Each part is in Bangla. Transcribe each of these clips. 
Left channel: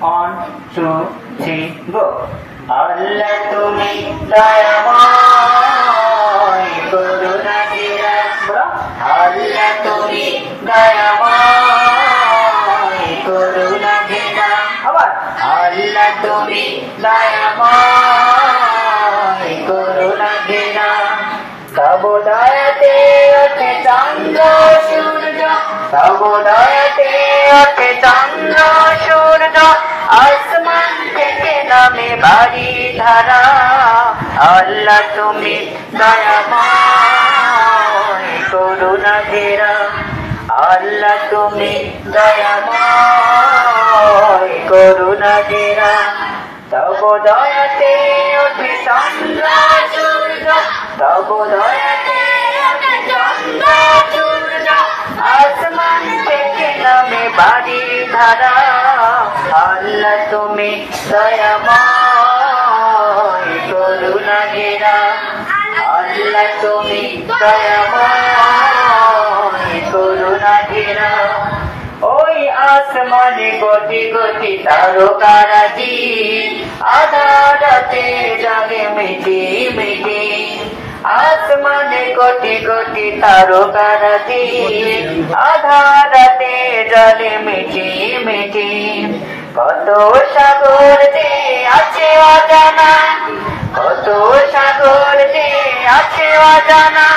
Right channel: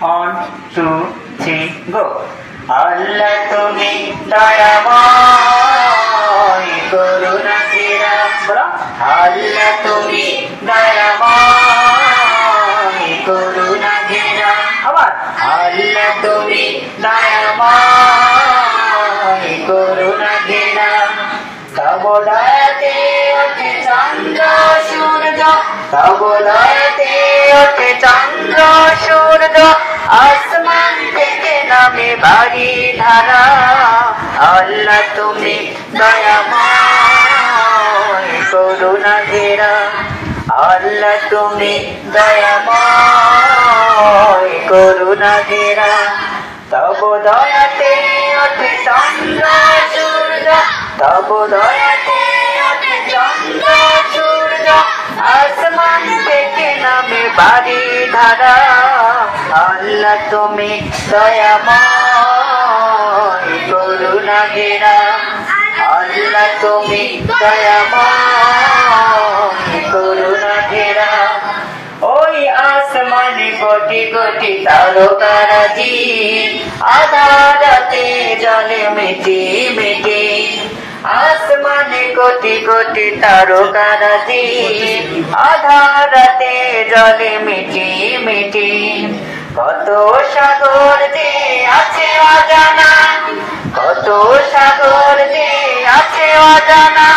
1 2 3 go আল্লাহ তুমি দয়াময় করুণা ঘেরা বলো আল্লাহ তুমি দয়াময় করুণা ঘেরা আবার আল্লাহ তুমি দয়াময় করুণা ঘেরা তব দয়াতে ওঠে চন্দ্র সূর্য তব দয়াতে ওঠে চন্দ্র সূর্য আসমান থেকে নামে বাড়ি ধারা আল্লাহ তুমি দয়াময় করুণা ঘেরা আল্লাহ তুমি দয়াময় করুণা ঘেরা তব দয়াতে ওঠে চন্দ্র সূর্য তব দয়াতে ওঠে চন্দ্র সূর্য আসমান থেকে নামে বাড়ি ধারা আল্লাহ তুমি দয়াময় করুণা ঘেরা আল্লাহ তুমি দয়াময় করুণা ঘেরা ওই আসমানে কোটি কোটি তারকারাজি আধারাতে জলে মিটি মিটি আসমানে কোটি কোটি তারকারাজি আধারাতে জলে মিটি মিটি কত সাগর যে আছে অজানা কত সাগর যে আছে অজানা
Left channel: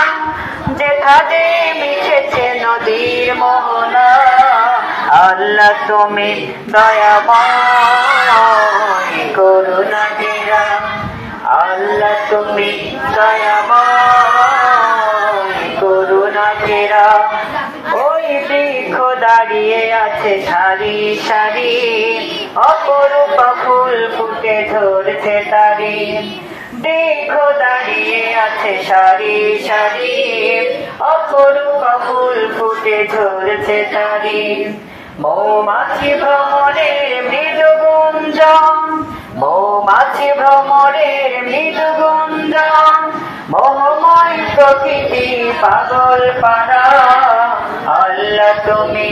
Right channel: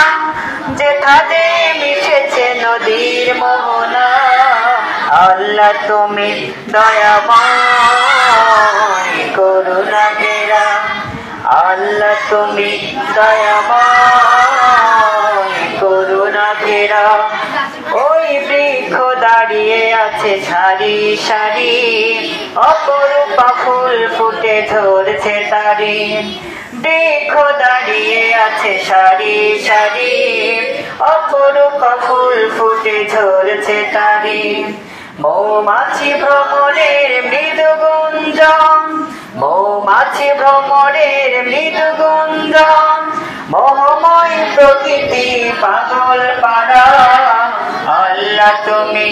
যেখানে মিশেছে নদীর মোহনা আল্লাহ তুমি দয়াময় করুণা ঘেরা আল্লাহ তুমি দয়াময় করুণা ঘেরা ওই বৃক্ষ দাঁড়িয়ে আছে সারি সারি অপরূপা ফুল ফুটে ধরছে তারি বৃক্ষ দাঁড়িয়ে আছে সারি সারি অপরূপা ফুল ফুটে ঝরছে তারি মৌমাছি ভ্রমরের মৃদু গুঞ্জন মৌমাছি ভ্রমরের মৃদু গুঞ্জন মোহময় প্রকৃতি পাগল পাড়া আল্লাহ তুমি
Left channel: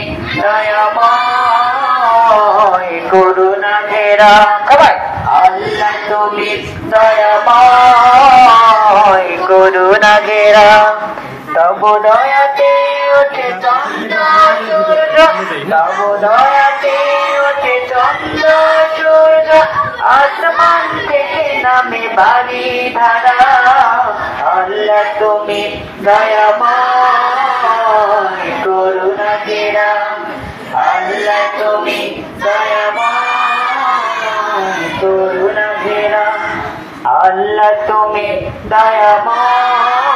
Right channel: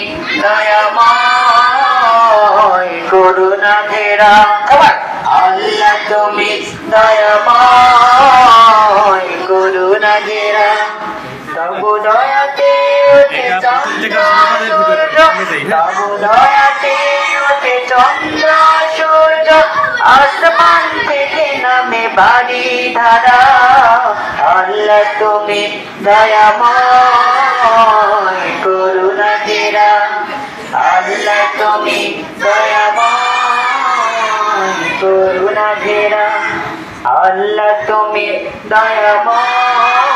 দয়াময় করুণা ঘেরা আল্লাহ তুমি দয়াময় করুণা ঘেরা তব দয়াতে ওঠে চন্দ্র সূর্য তব দয়াতে ওঠে চন্দ্র সূর্য আসমান থেকে নামে বাড়ি ধারা আল্লাহ তুমি দয়াময় করুণা ঘেরা আল্লাহ তুমি দয়াময় করুণা ঘেরা আল্লাহ তুমি দয়াময়